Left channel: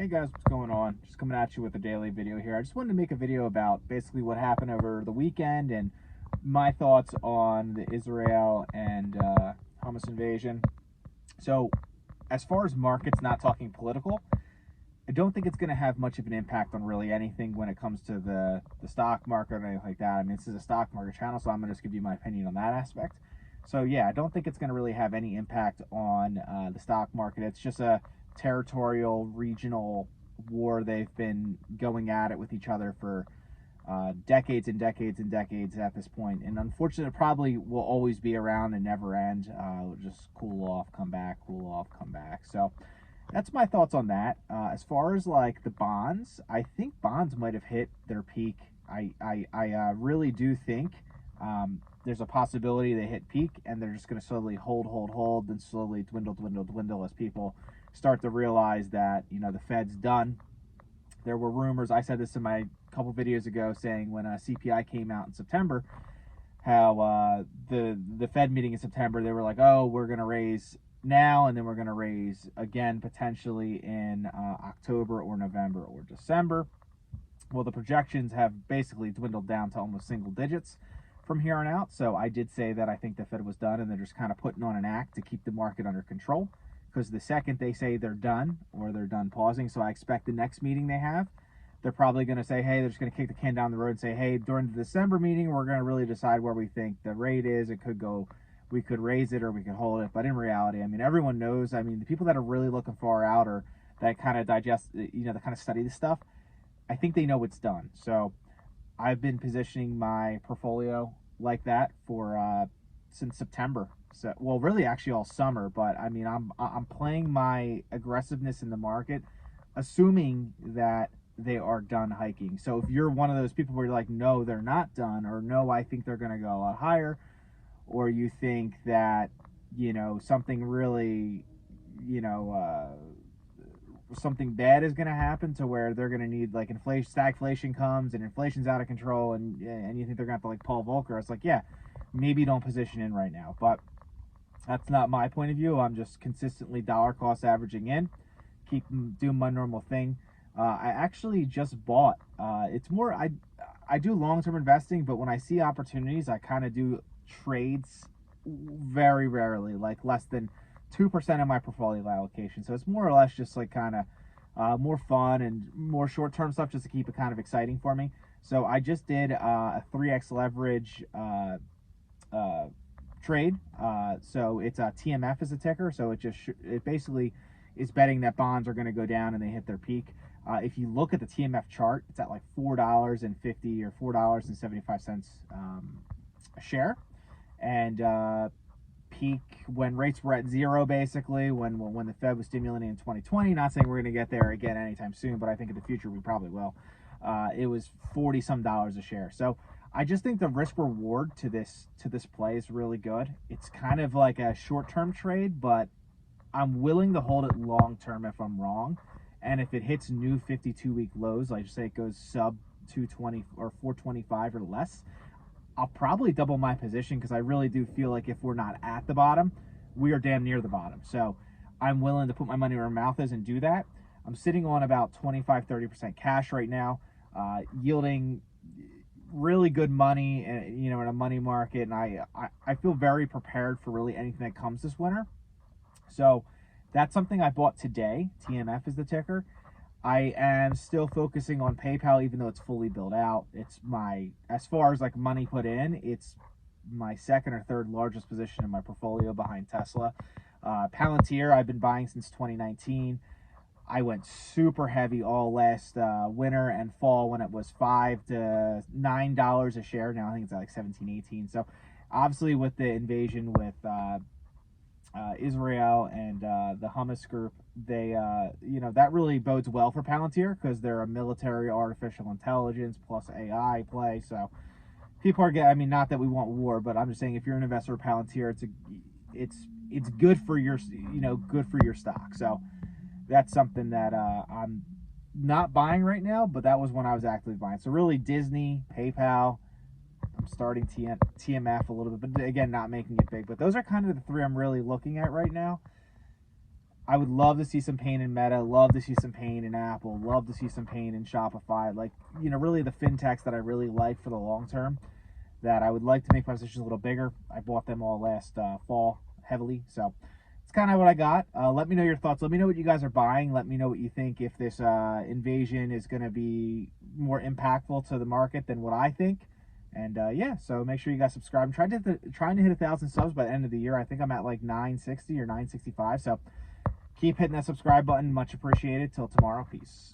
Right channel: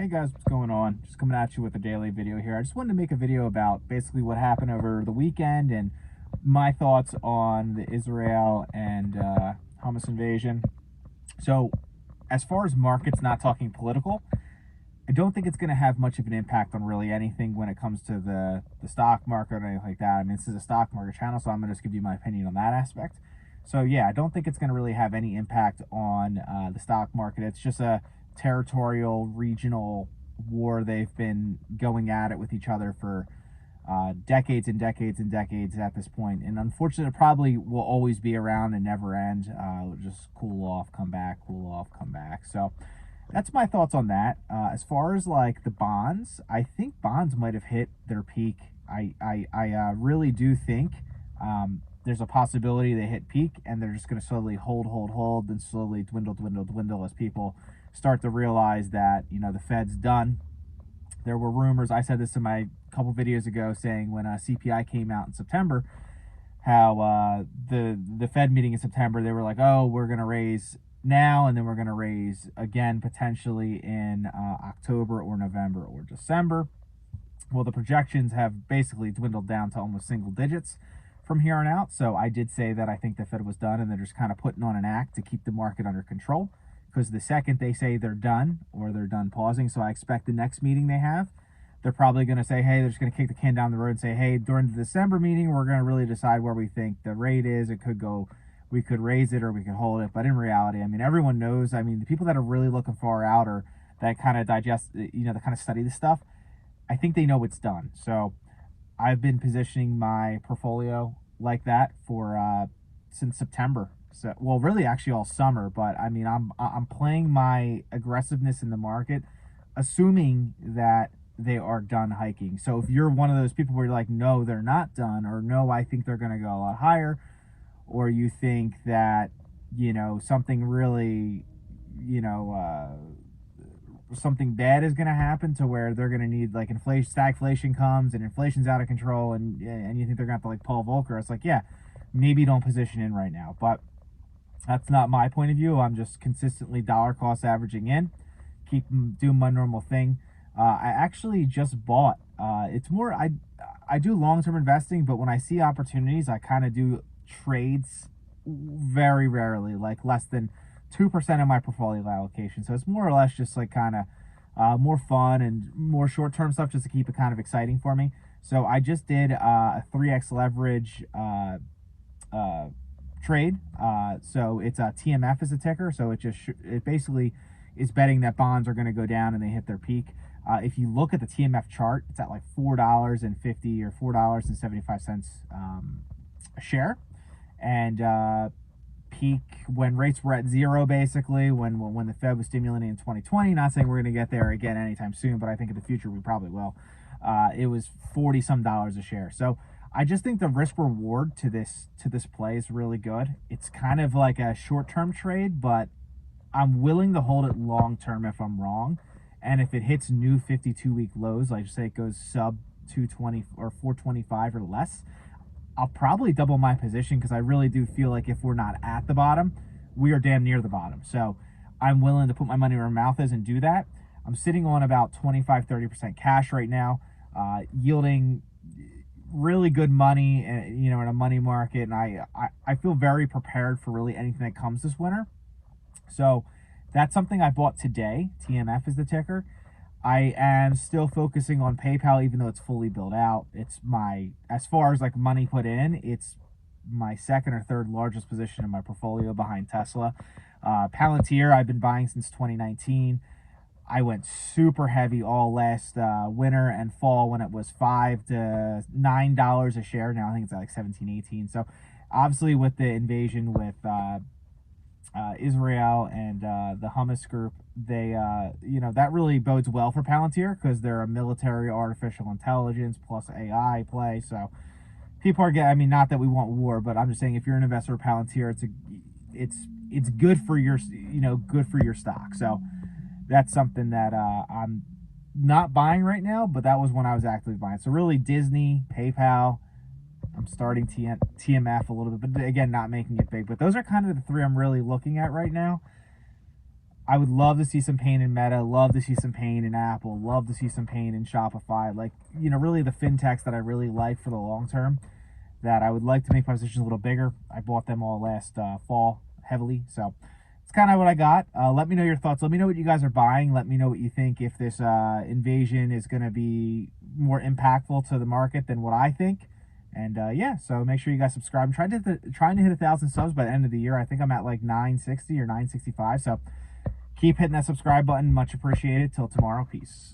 Hey guys, what's going on? Just coming at you with a daily video here. I just wanted to make a video about basically what happened over the weekend and my thoughts on the Israel and Hamas invasion. So, as far as markets, not talking political, I don't think it's going to have much of an impact on really anything when it comes to the stock market or anything like that. I mean, this is a stock market channel, so I'm going to just give you my opinion on that aspect. So yeah, I don't think it's going to really have any impact on the stock market. It's just a territorial, regional war. They've been going at it with each other for decades and decades and decades at this point. And unfortunately, it probably will always be around and never end. It'll just cool off, come back, cool off, come back. So that's my thoughts on that. As far as like the bonds, I think bonds might have hit their peak. I really do think there's a possibility they hit peak and they're just going to slowly hold, and slowly dwindle as people start to realize that, you know, the Fed's done. There were rumors, I said this in my couple videos ago, saying when CPI came out in September, how the Fed meeting in September, they were like, oh, we're going to raise now, and then we're going to raise again potentially in October or November or December. Well, the projections have basically dwindled down to almost single digits from here on out. So I did say that I think the Fed was done, and they're just kind of putting on an act to keep the market under control. Because the second they say they're done, or they're done pausing, so I expect the next meeting they have, they're probably going to say, hey, they're just going to kick the can down the road and say, hey, during the December meeting, we're going to really decide where we think the rate is. It could go, we could raise it or we could hold it. But in reality, I mean, everyone knows, I mean, the people that are really looking far out or that kind of digest, you know, that kind of study this stuff, I think they know it's done. So I've been positioning my portfolio like that for since September. So, well, really, actually, all summer. But I mean, I'm playing my aggressiveness in the market, assuming that they are done hiking. So if you're one of those people where you're like, no, they're not done, or no, I think they're going to go a lot higher, or you think that, you know, something really, you know, something bad is going to happen to where they're going to need like stagflation comes and inflation's out of control, and you think they're going to have to like Paul Volcker, it's like, yeah, maybe don't position in right now. But that's not my point of view. I'm just consistently dollar cost averaging in, keep doing my normal thing. I actually just bought. It's more I do long term investing, but when I see opportunities, I kind of do trades very rarely, like less than 2% of my portfolio allocation. So it's more or less just like kind of more fun and more short term stuff, just to keep it kind of exciting for me. So I just did a 3x leverage trade. So it's a TMF as a ticker. So it basically is betting that bonds are going to go down and they hit their peak. If you look at the TMF chart, it's at like $4.50 or $4.75 a share, and peak when rates were at zero, basically when the Fed was stimulating in 2020. Not saying we're going to get there again anytime soon, but I think in the future we probably will. It was $40 some a share. So I just think the risk reward to this play is really good. It's kind of like a short term trade, but I'm willing to hold it long term if I'm wrong. And if it hits new 52-week lows, like say it goes sub 220 or 425 or less, I'll probably double my position, because I really do feel like if we're not at the bottom, we are damn near the bottom. So I'm willing to put my money where my mouth is and do that. I'm sitting on about 25-30% cash right now, yielding really good money, and you know, in a money market. And I feel very prepared for really anything that comes this winter. So that's something I bought today. TMF is the ticker. I am still focusing on PayPal, even though it's fully built out. It's my, as far as like money put in, it's my second or third largest position in my portfolio behind Tesla. Palantir, I've been buying since 2019. I went super heavy all last winter and fall when it was $5 to $9 a share. Now I think it's at like 17, 18. So obviously with the invasion with Israel and the Hamas group, they, you know, that really bodes well for Palantir, because they're a military artificial intelligence plus AI play. So people are getting, I mean, not that we want war, but I'm just saying if you're an investor in Palantir, it's good for your, you know, good for your stock. So that's something that I'm not buying right now, but that was when I was actively buying. So really Disney, PayPal, I'm starting TMF a little bit, but again, not making it big. But those are kind of the three I'm really looking at right now. I would love to see some pain in Meta, love to see some pain in Apple, love to see some pain in Shopify. Like, really the fintechs that I really like for the long term, that I would like to make my position a little bigger. I bought them all last fall heavily. So it's kind of what I got. Let me know your thoughts. Let me know what you guys are buying. Let me know what you think, if this invasion is going to be more impactful to the market than what I think. And yeah, so make sure you guys subscribe. I'm trying to hit 1,000 subs by the end of the year. I think I'm at like 960 or 965. So keep hitting that subscribe button. Much appreciated. Till tomorrow. Peace.